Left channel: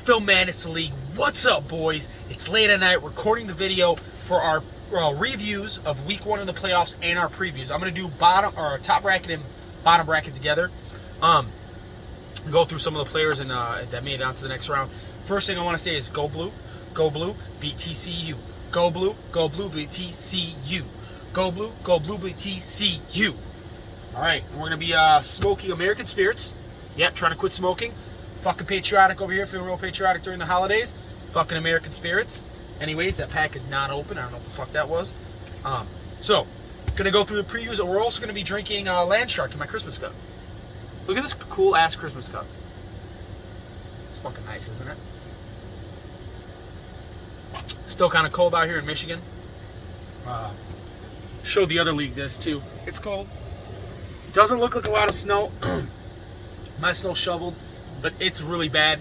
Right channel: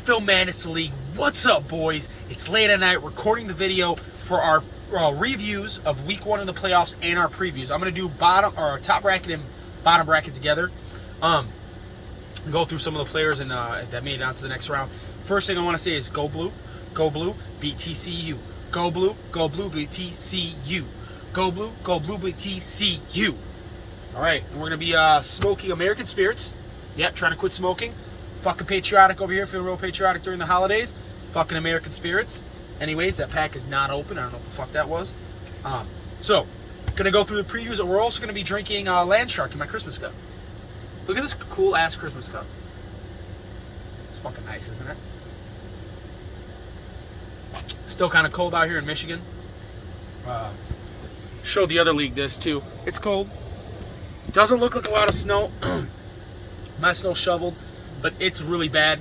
NFL Madness League. What's up, boys? It's late at night, recording the video for our reviews of Week 1 in the playoffs and our previews. I'm gonna do top bracket and bottom bracket together. Go through some of the players and that made it on to the next round. First thing I want to say is go blue, beat TCU. Go blue, beat TCU. Go blue, beat TCU. All right, and we're gonna be smoking American Spirits. Yeah, trying to quit smoking. Fucking patriotic over here, feeling real patriotic during the holidays. Fucking American Spirits. Anyways, that pack is not open. I don't know what the fuck that was. So, gonna go through the previews. We're also gonna be drinking Land Shark in my Christmas cup. Look at this cool ass Christmas cup. It's fucking nice, isn't it? Still kind of cold out here in Michigan. Showed the other league this too. It's cold. It doesn't look like a lot of snow. My snow shoveled, but it's really bad.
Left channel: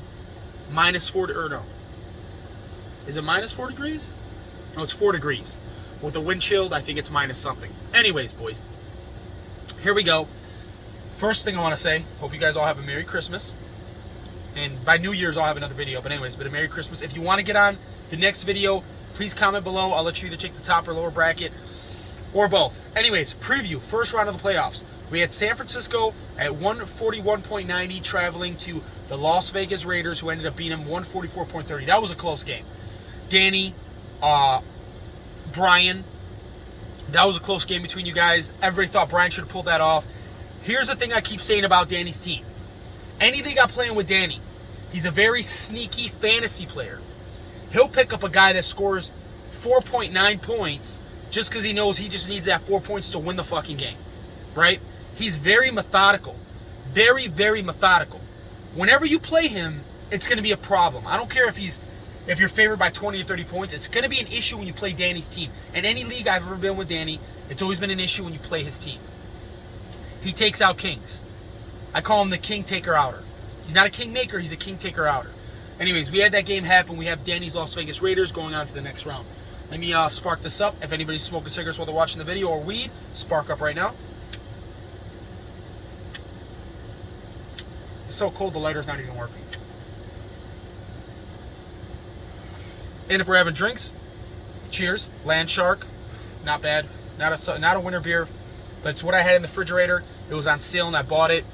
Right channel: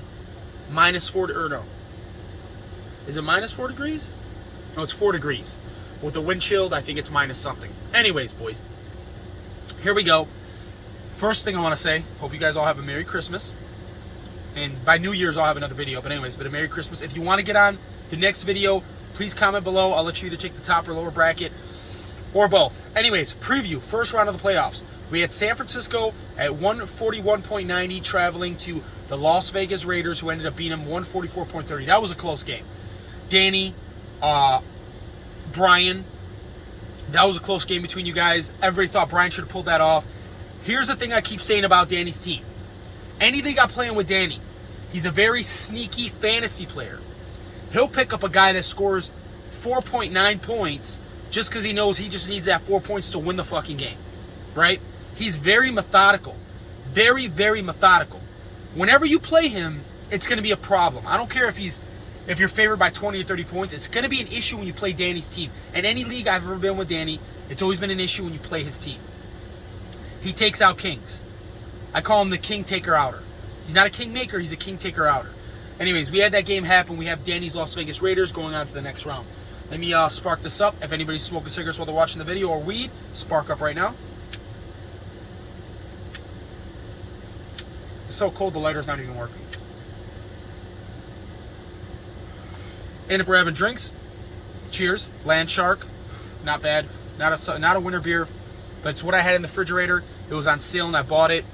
-4 or no. Is it -4 degrees? No, it's 4 degrees. With the wind chilled, I think it's minus something. Anyways, boys, here we go. First thing I want to say, hope you guys all have a Merry Christmas. And by New Year's, I'll have another video. But anyways, a Merry Christmas. If you want to get on the next video, please comment below. I'll let you either take the top or lower bracket, or both. Anyways, preview, first round of the playoffs. We had San Francisco at 141.90 traveling to the Las Vegas Raiders, who ended up beating them 144.30. That was a close game. Danny, Brian, that was a close game between you guys. Everybody thought Brian should have pulled that off. Here's the thing I keep saying about Danny's team. Anything got playing with Danny, he's a very sneaky fantasy player. He'll pick up a guy that scores 4.9 points just because he knows he just needs that 4 points to win the fucking game, right? He's very methodical. Very, very methodical. Whenever you play him, it's going to be a problem. I don't care if you're favored by 20 or 30 points. It's going to be an issue when you play Danny's team. In any league I've ever been with Danny, it's always been an issue when you play his team. He takes out kings. I call him the king taker outer. He's not a king maker, he's a king taker outer. Anyways, we had that game happen. We have Danny's Las Vegas Raiders going on to the next round. Let me spark this up. If anybody's smoking cigarettes while they're watching the video or weed, spark up right now. It's so cold the lighter's not even working. And if we're having drinks, cheers. Land Shark, not bad. Not a winter beer, but it's what I had in the refrigerator. It was on sale and I bought it.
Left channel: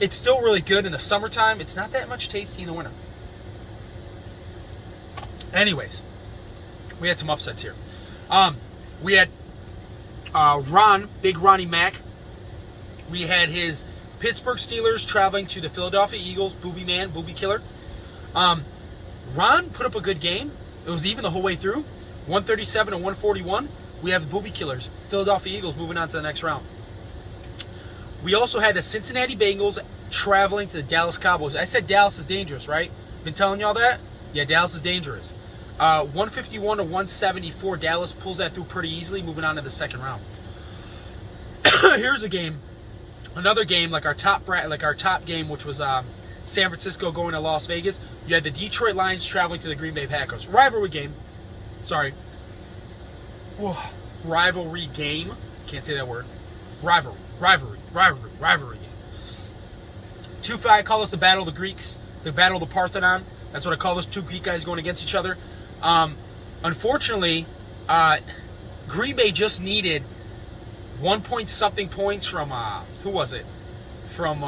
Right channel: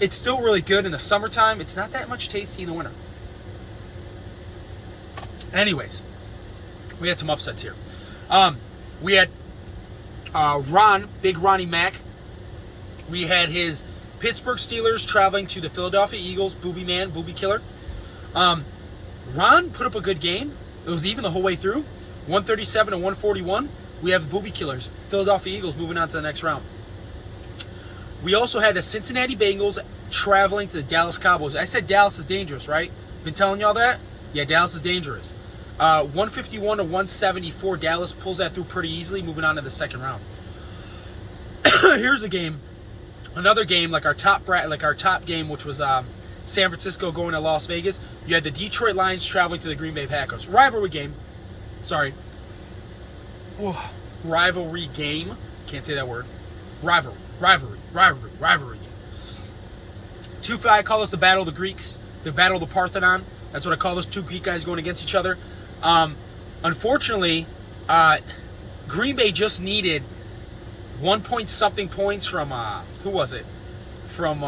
It's still really good in the summertime. It's not that much tasty in the winter. Anyways, we had some upsets here. We had Big Ronnie Mack. We had his Pittsburgh Steelers traveling to the Philadelphia Eagles. Booby Killer. Ron put up a good game. It was even the whole way through. 137 and 141. We have the Booby Killers, Philadelphia Eagles, moving on to the next round. We also had the Cincinnati Bengals traveling to the Dallas Cowboys. I said Dallas is dangerous, right? Been telling y'all that? Yeah, Dallas is dangerous. 151 to 174. Dallas pulls that through pretty easily, moving on to the second round. Here's a game, another game like our top game, which was San Francisco going to Las Vegas. You had the Detroit Lions traveling to the Green Bay Packers. Rivalry game. Sorry. Oh, rivalry game. Can't say that word. Rivalry. 2-5, I call this the Battle of the Greeks, the Battle of the Parthenon. That's what I call this. Two Greek guys going against each other. Unfortunately, Green Bay just needed 1 point something points from, who was it? From,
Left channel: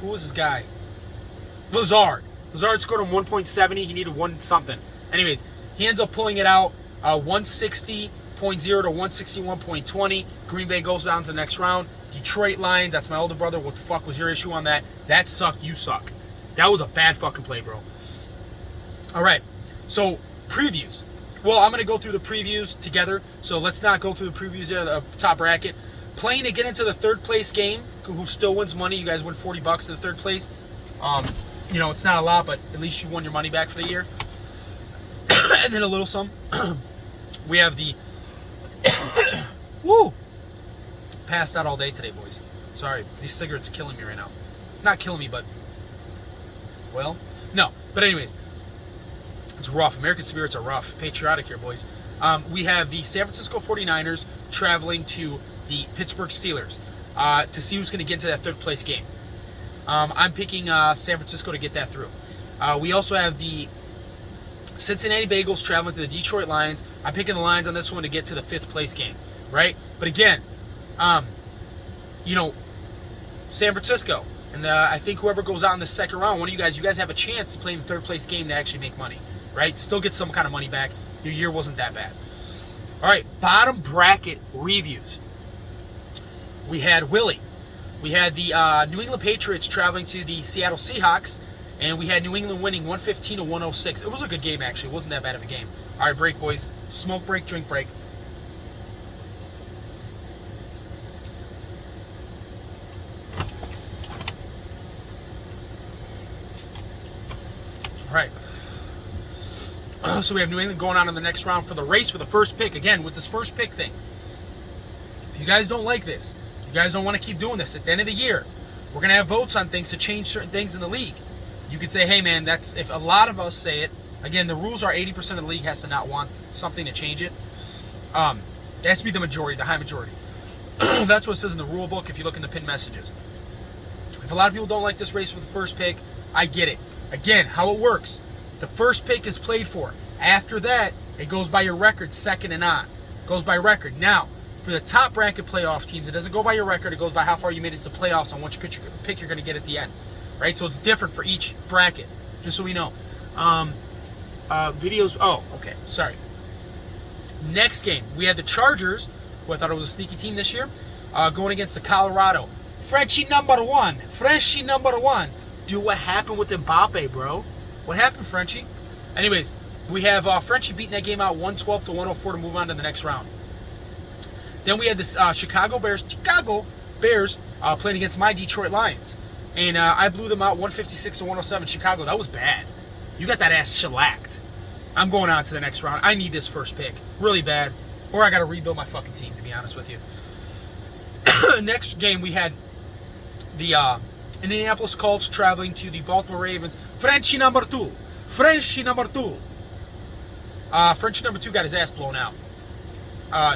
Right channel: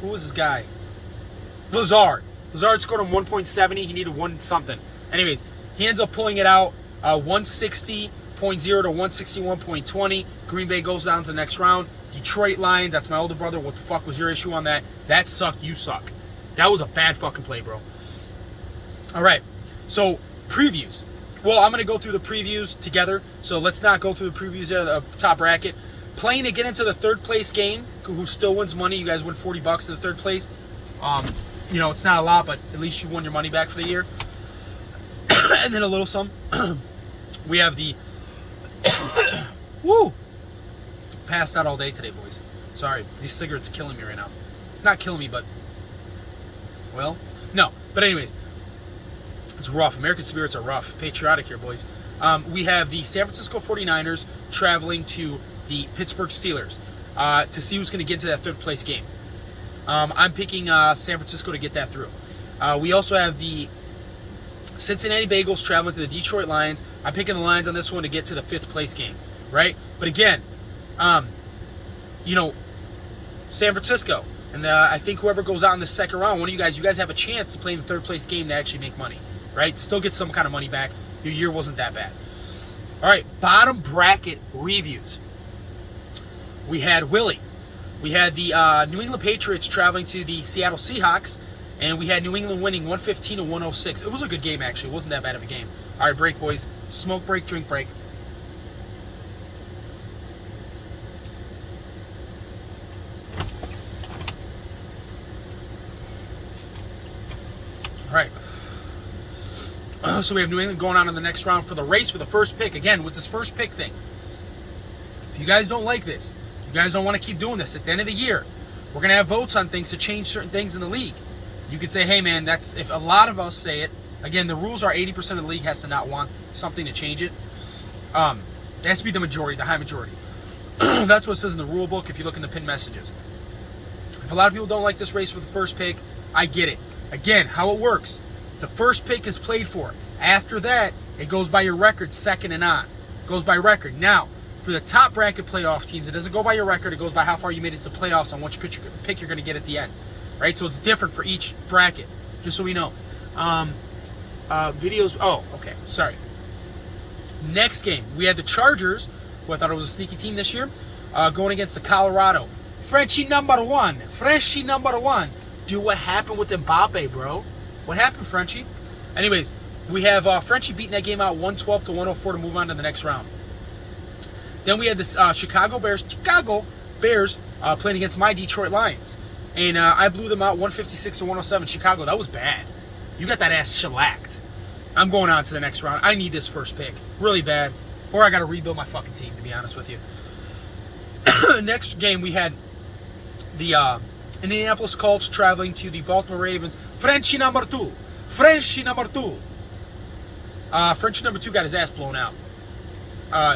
who was this guy? Lazard. Lazard scored him 1.70. He needed 1 something. Anyways, he ends up pulling it out, 160.0 to 161.20. Green Bay goes down to the next round. Detroit Lions, that's my older brother. What the fuck was your issue on that? That sucked, you suck. That was a bad fucking play, bro. All right, so previews. Well, I'm going to go through the previews together, so let's not go through the previews there, the top bracket. Playing to get into the third place game, who still wins money. You guys win $40 in the third place. You know, it's not a lot, but at least you won your money back for the year. And then a little sum. We have the... Woo! Passed out all day today, boys. Sorry, these cigarettes are killing me right now. Not killing me, but... Well, no. But anyways, it's rough. American Spirits are rough. Patriotic here, boys. We have the San Francisco 49ers traveling to the Pittsburgh Steelers. to see who's going to get into that third place game. I'm picking San Francisco to get that through. We also have the Cincinnati Bengals traveling to the Detroit Lions. I'm picking the Lions on this one to get to the fifth place game, right? But again, San Francisco, and I think whoever goes out in the second round, one of you guys have a chance to play in the third place game to actually make money, right? Still get some kind of money back. Your year wasn't that bad. All right, bottom bracket reviews. We had Willie. We had the New England Patriots traveling to the Seattle Seahawks, and we had New England winning 115 to 106. It was a good game, actually. It wasn't that bad of a game. All right, break, boys. Smoke break, drink break. All right. So we have New England going on in the next round for the race for the first pick. Again, with this first pick thing. If you guys don't like this, you guys don't want to keep doing this, at the end of the year, we're going to have votes on things to change certain things in the league. You could say, hey, man, that's if a lot of us say it. Again, the rules are 80% of the league has to not want something to change it. It has to be the majority, the high majority. That's what it says in the rule book if you look in the pinned messages. If a lot of people don't like this race for the first pick, I get it. Again, how it works. The first pick is played for. After that, it goes by your record, second and on. It goes by record. Now, for the top bracket playoff teams, it doesn't go by your record. It goes by how far you made it to playoffs and which pick you're going to get at the end. Right? So it's different for each bracket, just so we know. Videos. Oh, okay. Sorry. Next game, we had the Chargers, who I thought it was a sneaky team this year, going against the Colorado. Frenchie number one. Frenchie number one. Dude, what happened with Mbappe, bro? What happened, Frenchie? Anyways, we have Frenchie beating that game out 112 to 104 to move on to the next round. Then we had this Chicago Bears playing against my Detroit Lions. And I blew them out 156 to 107. Chicago, that was bad. You got that ass shellacked. I'm going on to the next round. I need this first pick. Really bad. Or I got to rebuild my fucking team, to be honest with you. Next game, we had the Indianapolis Colts traveling to the Baltimore Ravens. Frenchie number two. Frenchie number two. Frenchie number two got his ass blown out.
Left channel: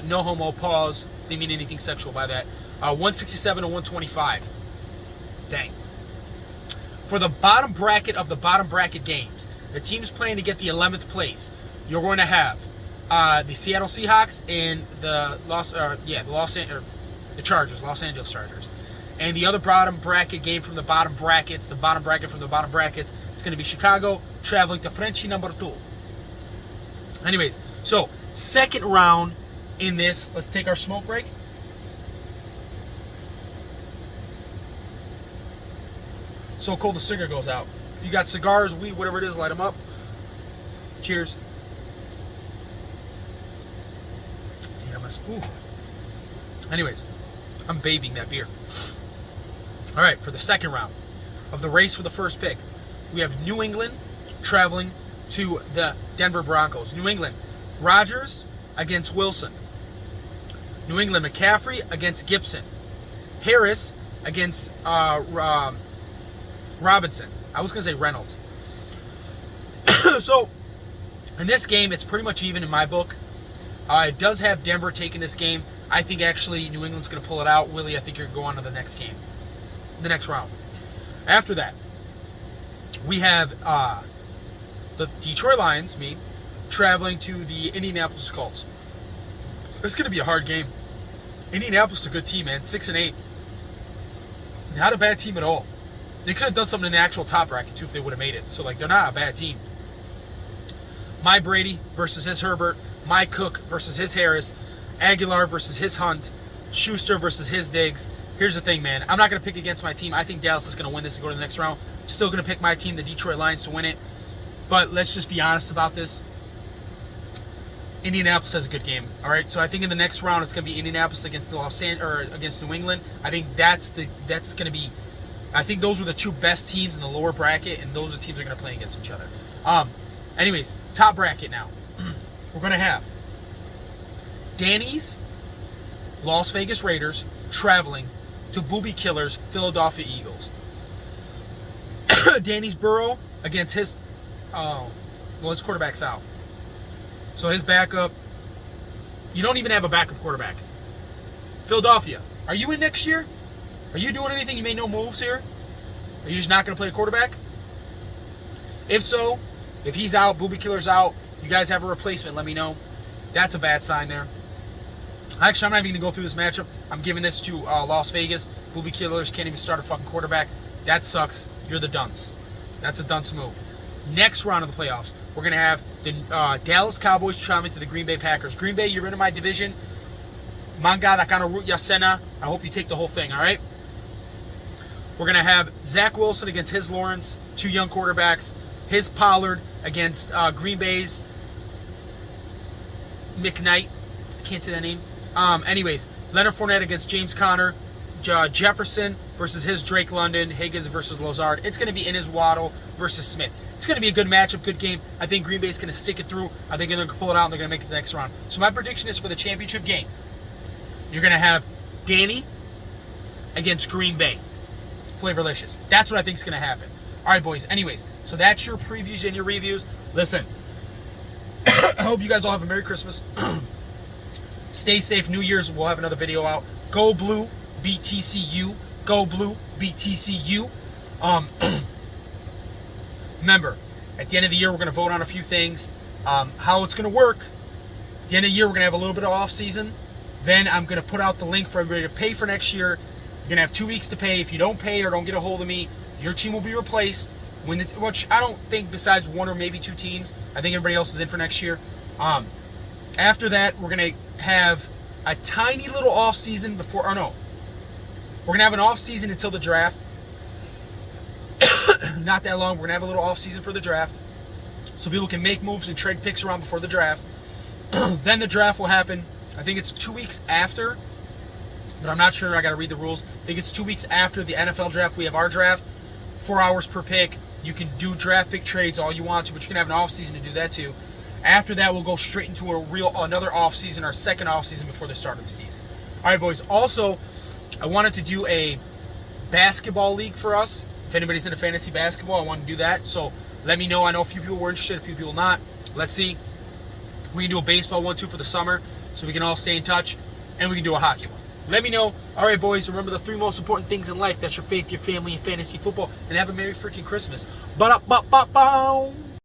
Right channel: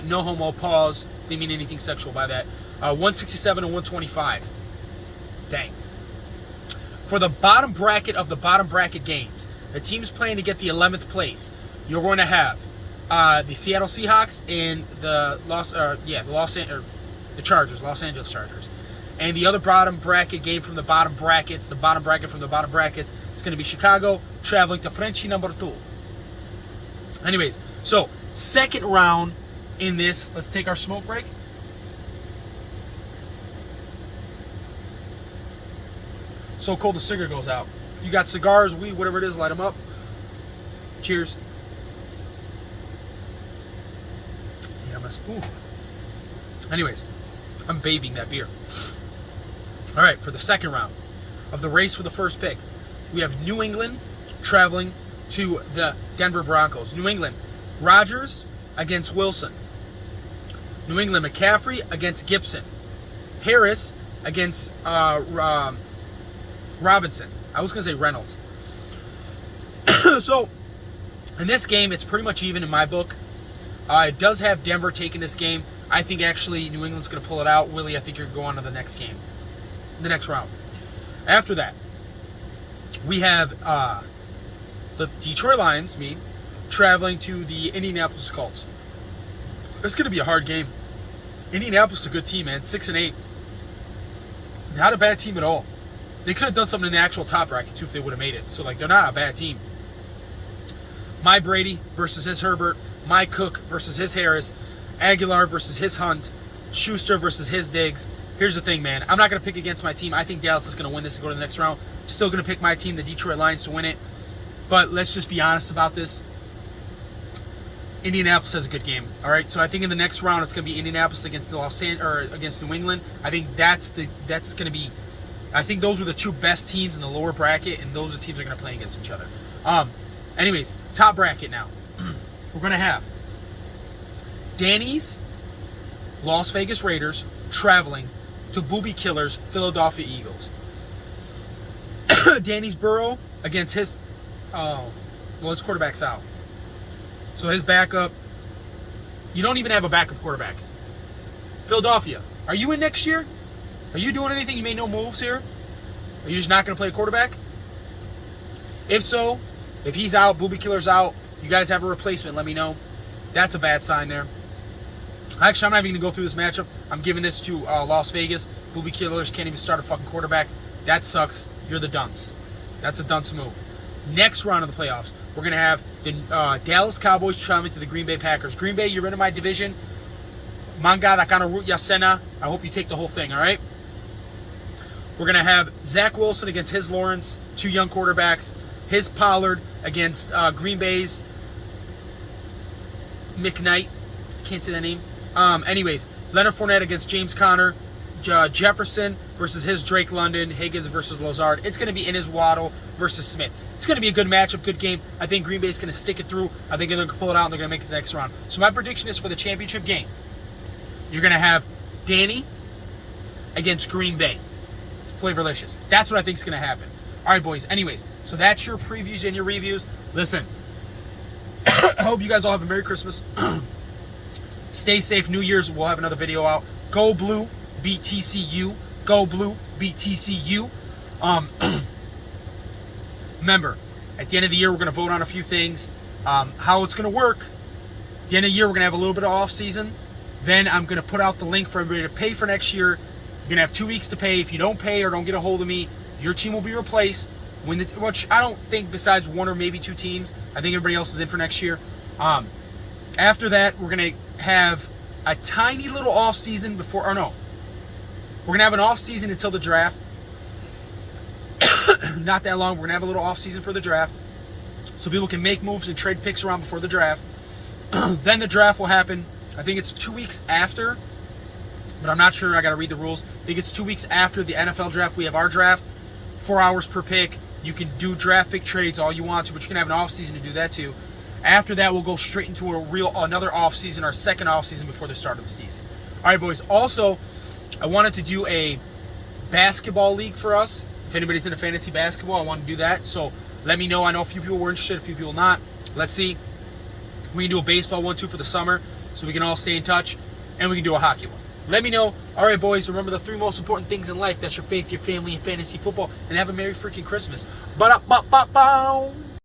No homo, pause. Didn't mean anything sexual by that. 167 to 125. Dang. For the bottom bracket of the bottom bracket games, the teams playing to get the 11th place, you're going to have the Seattle Seahawks and the Chargers, Los Angeles Chargers. And the other bottom bracket game from the bottom brackets, the bottom bracket from the bottom brackets, it's going to be Chicago traveling to Frenchie number two. Anyways, so second round in this, let's take our smoke break. So cold the cigarette goes out. If you got cigars, weed, whatever it is, light them up. Cheers. Ooh. Anyways, I'm bathing that beer. All right, for the second round of the race for the first pick, we have New England traveling to the Denver Broncos. New England, Rodgers against Wilson. New England, McCaffrey against Gibson. Harris against Robinson. I was going to say Reynolds. So, in this game, it's pretty much even in my book. It does have Denver taking this game. I think actually New England's going to pull it out. Willie, I think you're going on to the next game. The next round. After that, we have the Detroit Lions, me, traveling to the Indianapolis Colts. It's going to be a hard game. Indianapolis is a good team, man. 6-8. Not a bad team at all. They could have done something in the actual top bracket, too, if they would have made it. So, they're not a bad team. My Brady versus his Herbert. My Cook versus his Harris. Aguilar versus his Hunt. Schuster versus his Diggs. Here's the thing, man. I'm not going to pick against my team. I think Dallas is going to win this and go to the next round. I'm still going to pick my team, the Detroit Lions, to win it. But let's just be honest about this. Indianapolis has a good game. All right, so I think in the next round it's going to be Indianapolis against against New England. I think that's going to be. I think those are the two best teams in the lower bracket, and those are the teams that are going to play against each other. Anyways, top bracket now. We're going to have Danny's Las Vegas Raiders traveling to Booby Killers Philadelphia Eagles. Danny's Burrow against his his quarterback's out. So his backup, you don't even have a backup quarterback. Philadelphia, are you in next year? Are you doing anything? You made no moves here? Are you just not going to play a quarterback? If so, if he's out, Booby Killer's out, you guys have a replacement, let me know. That's a bad sign there. Actually, I'm not even going to go through this matchup. I'm giving this to Las Vegas. Booby Killers can't even start a fucking quarterback. That sucks. You're the dunce. That's a dunce move. Next round of the playoffs, we're going to have the Dallas Cowboys traveling to the Green Bay Packers. Green Bay, you're in my division. Manga Nakana Root Yasena. I hope you take the whole thing, all right? We're going to have Zach Wilson against his Lawrence, 2 young quarterbacks. His Pollard against Green Bay's McKnight. Can't say that name. Anyways, Leonard Fournette against James Conner. Jefferson versus his Drake London. Higgins versus Lazard. It's going to be Inez Waddle versus Smith. It's going to be a good matchup, good game. I think Green Bay's going to stick it through. I think they're going to pull it out and they're going to make it to the next round. So my prediction is for the championship game, you're going to have Danny against Green Bay. Flavorlicious. That's what I think is going to happen. All right, boys. Anyways, so that's your previews and your reviews. Listen, I hope you guys all have a Merry Christmas. Stay safe. New Year's, we'll have another video out. Go Blue, beat TCU. Go Blue, beat TCU. Remember, at the end of the year, we're going to vote on a few things. How it's going to work. At the end of the year, we're going to have a little bit of off season. Then I'm going to put out the link for everybody to pay for next year. You're going to have 2 weeks to pay. If you don't pay or don't get a hold of me, your team will be replaced. Which I don't think besides 1 or maybe 2 teams. I think everybody else is in for next year. After that, we're going to have a tiny little off season before, or no. We're going to have an off season until the draft. Not that long. We're going to have a little off season for the draft. So people can make moves and trade picks around before the draft. Then the draft will happen. I think it's 2 weeks after. But I'm not sure. I got to read the rules. I think it's 2 weeks after the NFL draft. We have our draft. 4 hours per pick. You can do draft pick trades all you want to, but you can have an off season to do that too. After that, we'll go straight into another off season, our second off season before the start of the season. All right, boys. Also, I wanted to do a basketball league for us. If anybody's into fantasy basketball, I want to do that. So let me know. I know a few people were interested, a few people not. Let's see. We can do a baseball one too for the summer, so we can all stay in touch, and we can do a hockey one. Let me know. All right, boys, remember the 3 most important things in life. That's your faith, your family, and fantasy football. And have a Merry freaking Christmas. Ba-da-ba-ba-bow.